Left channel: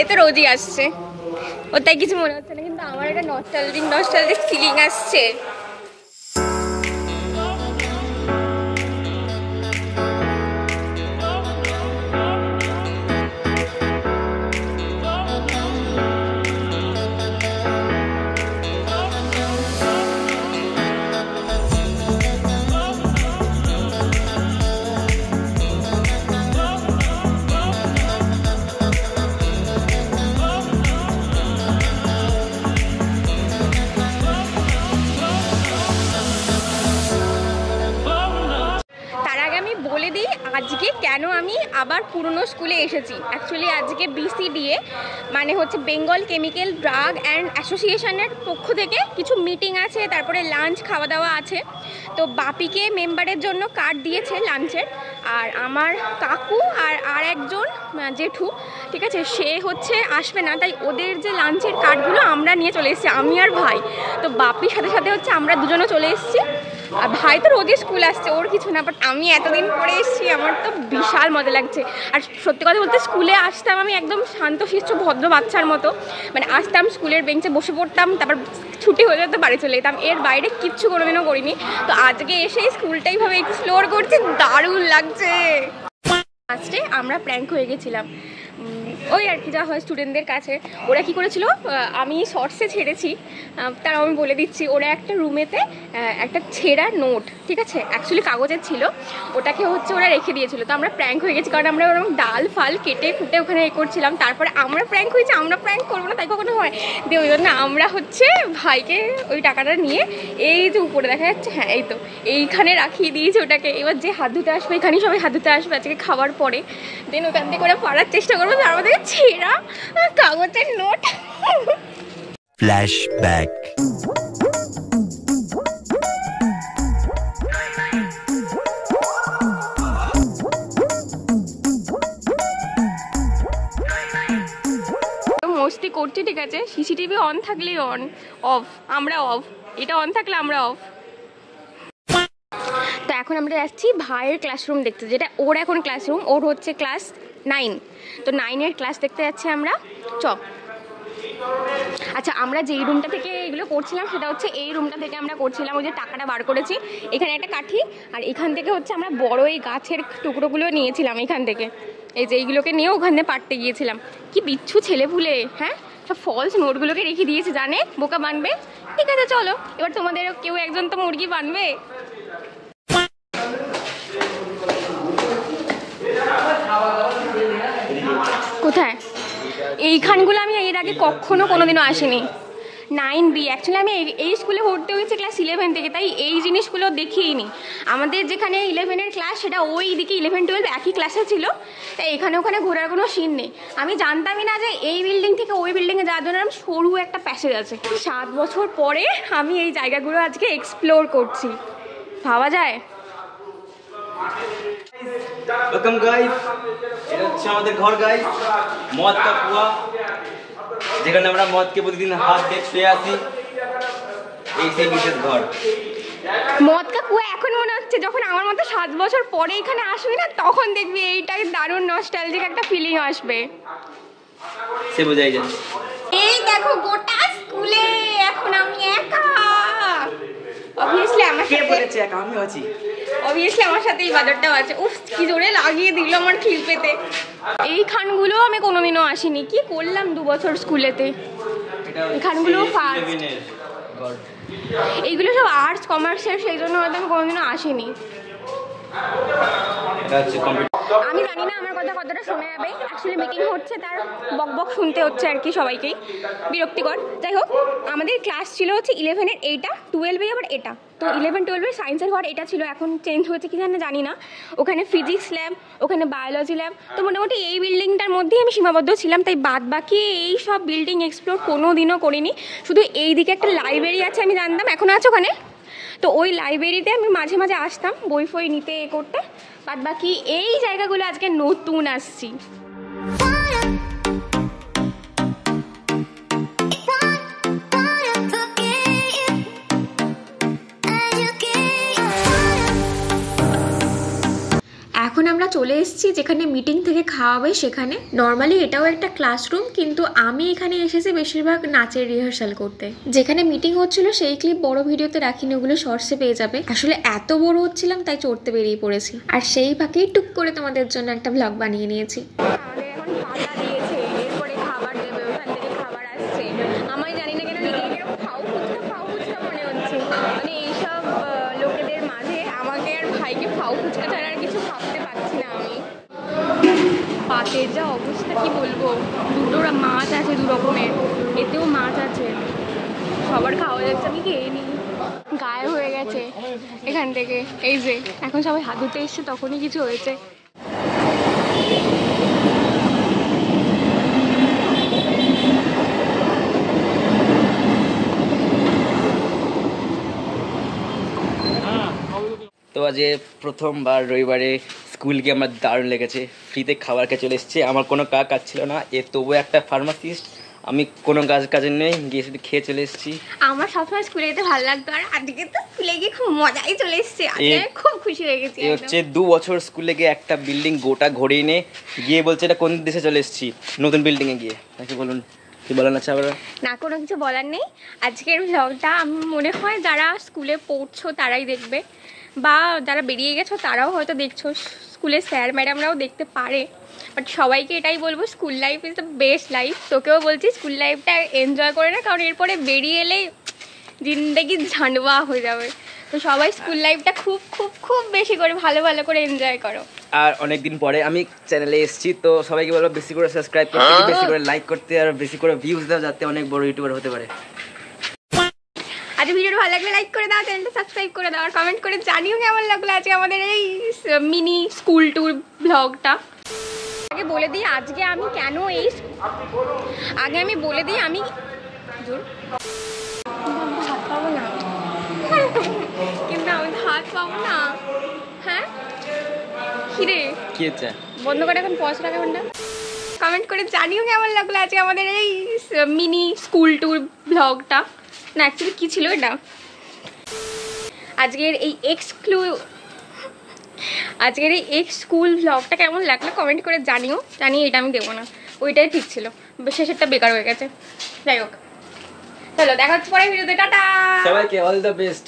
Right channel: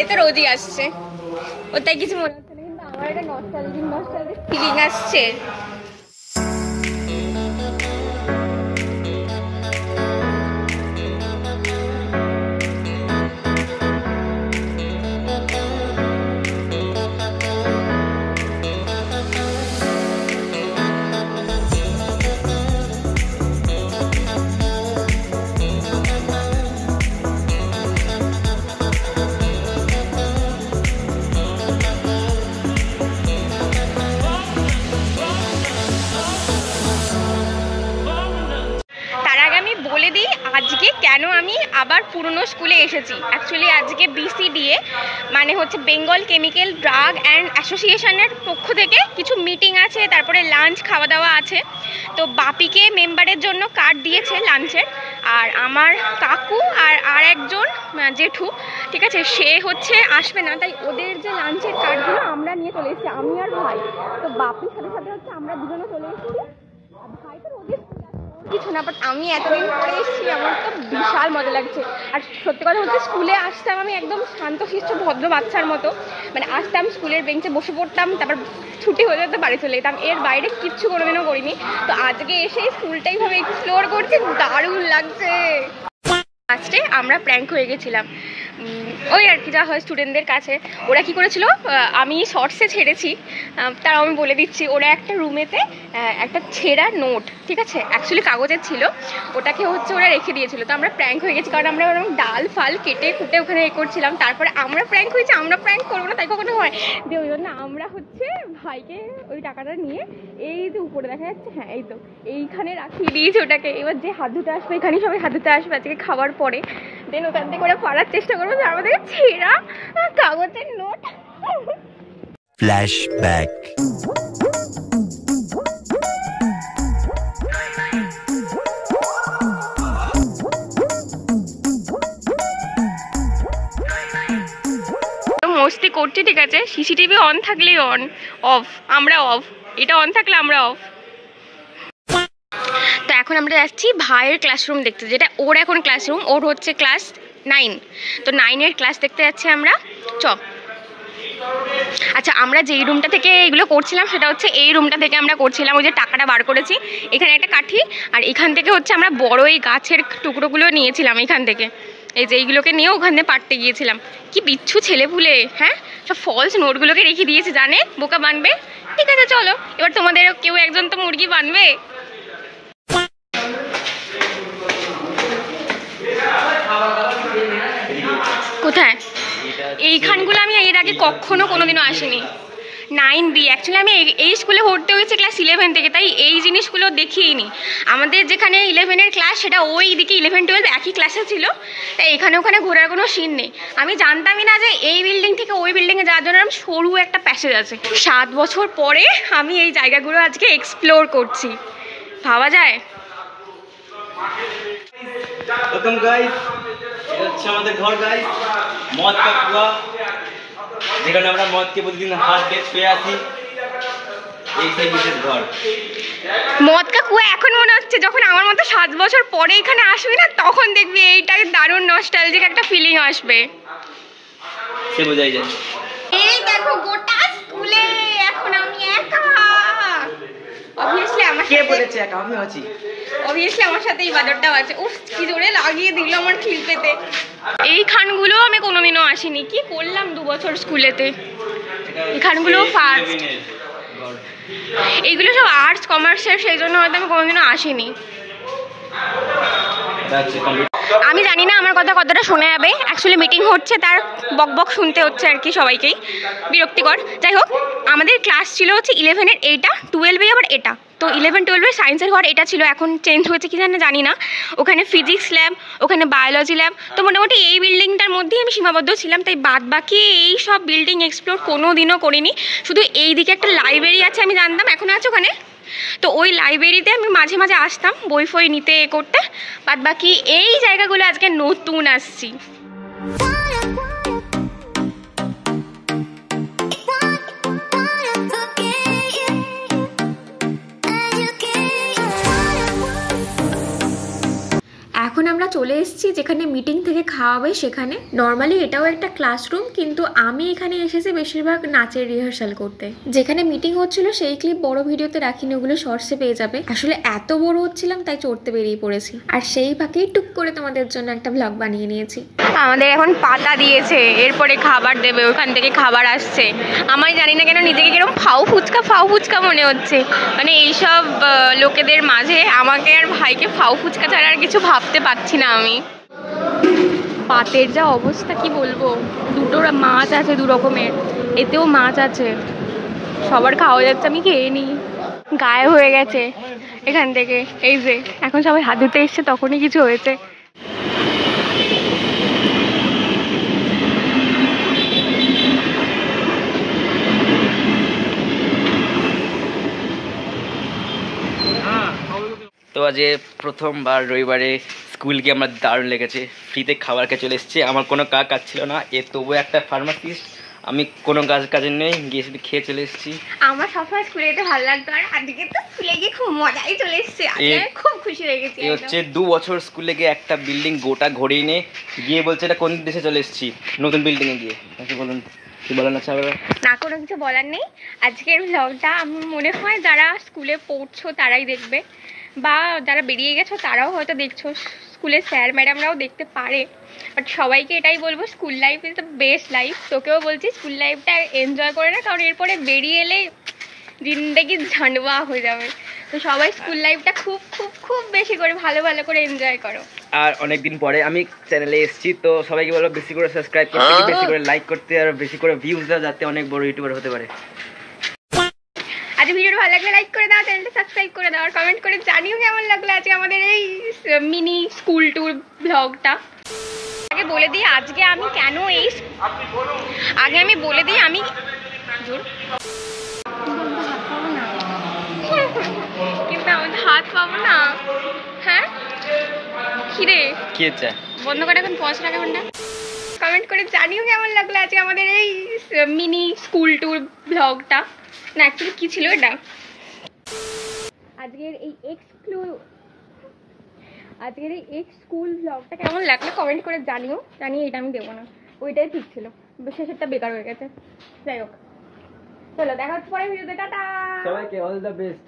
এ তো রোজই আসছে, ওর তাই কিছু মনে হচ্ছে না, কিন্তু আমার একটা নস্টালজিক ফিলিং আসছে। আজকে কেন আমি আবার পুরনো স্কুলে এসেছি, অ্যাকচুয়ালি আজকে BCDA মানে হচ্ছে বেঙ্গল কেমিক্যাল ড্রাগ অ্যান্ড অ্যাসোসিয়েশনের পক্ষ থেকে কিছু মিটিং আছে, তারপরে লাঞ্চ খাওয়া দাওয়া আছে। তো বাপিকে মেম্বারের জন্য কার্ড দিয়েছে লাঞ্চের, আর আমার কাকু আর একজন জেঠু, ঠিক আছে, সে হচ্ছে আসবে না, তাই ওদের যে লাঞ্চের কার্ডগুলো আমরা নিয়ে চলে এসেছি, আমি আর ভাই। তো বাপির সাথে সাথে হচ্ছে আমরা দুজনও চলে এসেছি। আর ভাই তো রোজই স্কুল আসছে, ওর কিছু না, বাট আমি এতদিন পরে এসেছি, আমার তো বিশাল মজা লাগছে। আর সত্যি কথা বলতে স্কুলে আসতাম আমি একদম শান্তশিষ্ট ভদ্র বাচ্চার মতো, মানে আসতাম স্কুলের বেঞ্চে বসে পড়তাম, তারপর ছুটি হয়ে যেত বাড়ি চলে যেতাম, এর বাইরে কিচ্ছু কোনোদিনও করিনি। তো আজকে এসে স্কুলটা এইভাবে এক্সপ্লোর করছি, দারুণ লাগছে। ফার্স্টে আমরা প্র্যাঙ্ক হয়ে গেছিলাম, ওই আর কি যা হয় স্টুডেন্টদের কাছে। ওরা কি করেছিল, আমি শর্টসে ছেড়েছি, তাও আমি বলে দিচ্ছি। ওরা একটা রুমেতে একটা ছেঁড়া নোট, ঠিক আছে, অ্যাকচুয়ালি কাগজের ছিল, ওটাকে হচ্ছে ওরা রেখে দিয়েছিল। তো আমরা প্র্যাঙ্ক হয়ে গেছি, কারণ আমরা ওরকম ডাল ফাল কেটে কুটে ওখানে করছিলাম। তারপরে আমরা প্র্যাঙ্ক হয়েছি, আমরা প্র্যাঙ্ক করবো না তাই কখনো হয়, দিয়ে ওই জন্য আমরা হচ্ছে ভাইকে ওই টাকাটা নিয়ে এই যে উপরে দেখা যাচ্ছে, হ্যাঁ এই তো এইখানে রাখিয়ে দিয়েছি ওটাকে। এবার যে হাত ধুতে আসবে, এখানেই সবাই হাত ধুতে আসবে আজকে খাওয়ার পরে, দেন ওখান থেকে ওরা পারার চেষ্টা করবো, তার মধ্যে ছেঁড়া কাগজের নোট। ফ্ল্যাশব্যাক। মস্তি করছি, ঠিক আছে, সিসিটিভি অন থাকলেই অন, অফ আমরা অফ, এটা অন থাকলে আমরা অফ। তো এখন আমরা যাচ্ছি ভাইয়ের ক্লাসরুম দেখতে, যেটা ওর এখন ক্লাসরুম, ওর হচ্ছে ক্লাস 9, তো 9-এর ক্লাস দেখতে যাচ্ছি আমরা। আচ্ছা, আমরা যেই রুমটা থেকে এগুলো করছিলাম সেটা হচ্ছে এই রুমটা থেকে আমরা করছিলাম, ওই যে টাকাটা বার করেছি, এখানে একটা কাঠি, আর এখান থেকে হচ্ছে আমরা বড় এই গাছের টুকরোগুলো নিয়েছিলাম এখান থেকে, এই যে এইগুলোকে নিয়ে ওখানে পাড়তে গিয়েছিলাম। কি বিচ্ছু ছেলেপুলে, হ্যাঁ, সব ফলস নোটগুলোকে রেখে দিয়েছে, জানে বোকা বানবে। ঠিক আছে চলো, এবার তোমাদের কেউ একজন তো মুরগি বানবে। কোথায় এইখানগুলো আমি এর আগে কখনো কোনোদিনও আসিনি। 9B, অ্যাকচুয়ালি আমি এই স্কুলে ভর্তি হয়েছি ক্লাস 11 থেকে, তাই এই জিনিসগুলো দেখিইনি। আমাদের যেখানে 11-এর ক্লাস সেটা ওই দিকে 11-12 একই ক্লাসে ছিল, তাই এখানে ওখানে ঘোরার কোনো সিন নেই। আমি জানতামই না যে এই বিল্ডিং থেকে ওই বিল্ডিংয়ে যাওয়ার জন্য সরু একটা প্যাসেজ আছে। 7 বছর পরে আমি এই জায়গাগুলো আজকে এক্সপ্লোর করছি, ভাবা যায়। ওয়েলকাম গাইস, এটা হচ্ছে আমাদের ঘর গাইস, মদ কা কুয়া, যেখানে আমরা মদকে প্রতিদিন হাত দিয়ে শুয়ে আসি। এই সেই বিশেষ ঘর মদ কা কুয়া। এখন মনে হচ্ছে যখন আমার মতো 7 বছর পরে এখানে আসবি না, তখন দেখবি এইটাই দারুণ নস্টালজিক একটা ফিলিং আসবে, সে বোঝাই যায়। এই দেখো গোটা স্কুলে এখন আমি একা। অবভিয়াসলি আমার কে বলেছে একা? আমি আছি। অবভিয়াসলি আমার সাথে এই বাজারটাও আছে। উফ, কি জোরে লাগিয়ে দিল আমার খিল পেতে। এই খানগুলো আমি কোনোদিনও আসিনি, কি করলাম 2 বছর স্কুলেতে। এই খানগুলো ফার্স্ট, এইগুলো সব আর্টস কমার্সের, সেই জন্য হয়তো আমি কোনোদিনও আসিনি। আমি জানি না আমার কথা কতটা শোনা যাবে, অ্যাকচুয়ালি মিটিং হচ্ছে, তার বক বক শুনতে হচ্ছে আর কি, সবাইকেই বিরক্তিকর। যাই হোক, আমাদের ক্লাস ছিল হচ্ছে 11-এর এইটা, 12-এ আবার এটা। তো 11-12-এর সায়েন্সের ঘর এটা ছিল, এখন চেঞ্জ হয়েছে কি জানি না। ওখানে ফিজিক্স ল্যাব, ওখানে বায়োলজি ল্যাব। তো মোটামুটি এই বিল্ডিংটার মধ্যেই আমি সীমাবদ্ধ ছিলাম, তাই বাদ বাকি এই সব বিল্ডিং এক্সপ্লোর কোনো দিনও করিনি। শুধু এই দিকে একটা লাইব্রেরি আছে আমি জানতাম, এখনও আছে ওখানে, তো ওই লাইব্রেরিতে আমি মাঝে মাঝে আসতাম বই ফই নিতে করতে। বাদ বাকি এই জায়গাগুলো আজকে নতুন আসছি। এখন আমরা চলে এসেছি যেখানে মিটিং থেকে খাওয়াবে সেখানে। নর্মালি এটাও একটা ক্লাসরুম, কিন্তু আমি এখানে এসেছি বেশিরভাগ নাচের রিহার্সাল করতে। যেখানে মিটিং হচ্ছিল সেই ক্লিপ বড় ভিডিওতে রাখিনি, ওগুলো শর্টসে পেয়ে যাবে। আসলে এত বড় হচ্ছিলাম তাই চড়তে বেরিয়ে পড়েছি, আর সেই ফাঁকেই টুক করে তোমাদের জন্য একটা ব্লগ বানিয়ে নিয়েছি। আমাদের এখন পাতা দিয়েছে, এরপরে খাবার দেবে, ওখান থেকে খাবার আসছে। আমি জানি না কেন নিজেকে কিরকম ফাউ ফুচকা মনে হচ্ছে। মানে এইসব লোকেদের মাঝে আমাকে আর ভাইকে ফাউ ফুচকা ছাড়া আর কিছু ভাবতে পারছি না আমি। পাতের যা অবস্থা কি বলবো, দুটো মাছ আছে, দু রকমের, এতেও মাছ আছে, সবার খাওয়া যাচ্ছে, আমি খেয়ে নিই। গায়ে হয়ে গেছে এখান থেকে, এই যে এখন সবাই হাত ধুতে এসছে, তখনই কিছু হয়েছে। তো আজ প্রথমবার রবিবারে স্কুল গিয়ে আমার দারুণ লেগেছে। ফ্রিতে খাবার খেয়ে চলে এসেছে। আমার কোনো কাজ ছিল না, তবুও একটা ফার্মাসিস্ট, আমি কোনো কাজে নেই, গিয়ে শুধু খেয়ে চলে এসেছি। আমার সবসময় স্কুলে যেতে ভালো লাগতো, আর আজকে তো স্কুলে গিয়ে খুব মজাই চলে এসেছে, খুব খুশি হয়ে গেছি। এই হচ্ছে 2 বছর স্কুলে গিয়ে একটা বিল্ডিং গোটা ঘুরিয়ে নিয়ে গিয়ে বলছে এটা কোন দেশে চলে এসেছি, নতুন বিল্ডিংয়ে গিয়ে। নাকি বলুন, কি বলার আছে আবার? না, কোনো কিছু বলার নেই। আজকের ব্লগটা আমি মনে হয় যারা স্কুলে পড়ছো তারাই দেখবে, বা যারা বেরিয়ে গেছো তারাও হয়তো দেখছো, স্কুলের স্যার ম্যাডামরাও দেখতে পারে। বাট সবাইকে এটাই বলবো, school life is the best life. তোকেও বলছি স্কুল লাইফটা এনজয় করে না, কারণ এরপরে বেরিয়ে এলে জিন্দেগি ঝান্ডুয়া হয়ে যাবে। তো সবাই স্কুল লাইফটা খুব খুব খুব বেশি করে ভালো করে এনজয় করো। আর অনেকদিন পরে আমি চ্যানেলে এসেছি, তো সবাইকে বলবো বেশি করে সাবস্ক্রাইব করতে, বেশি করে লাইক করতে, আর বেশি করে ভিউজ দাও, যাতে অনেক বড় ইউটিউবার হতে পারে। আজ ভিডিওটা ভালো লাগলে লাইক করে দাও, চ্যানেলটা সাবস্ক্রাইব করে দাও, আর কমেন্ট করে জানিও কেমন লাগলো আজকে আমাদের এই মিনি স্কুল ট্যুর ব্লগটা। আগে বলে দিই আজকে আমি কেন এই, আগে আমি বলে দিই আমি হাত পাবো না, কিন্তু আমি হাত পাবো না। হ্যাঁ খিরে কি হচ্ছে, বন্ধ করে এখন পজ রাখা ঘন্টা। কমেন্ট করে জানিও কেমন লাগলো আজকে আমাদের এই মিনি স্কুল ট্যুর ব্লগটা। না অ্যাকচুয়ালি কী ছিল এটা, আজকের এই আজকের এই স্কুল ব্লগটা কেমন লাগলো কমেন্ট করে জানিও। জানিয়ে এটা আমি দেবো না, ওইটাই ঠিক ছিল, শেষেরটা বেকার হয়ে গেছে। যাই হোক, চলো দেখা হচ্ছে পরে ভিডিওতে, টাটা। সবাইকে অল দ্য বেস্ট।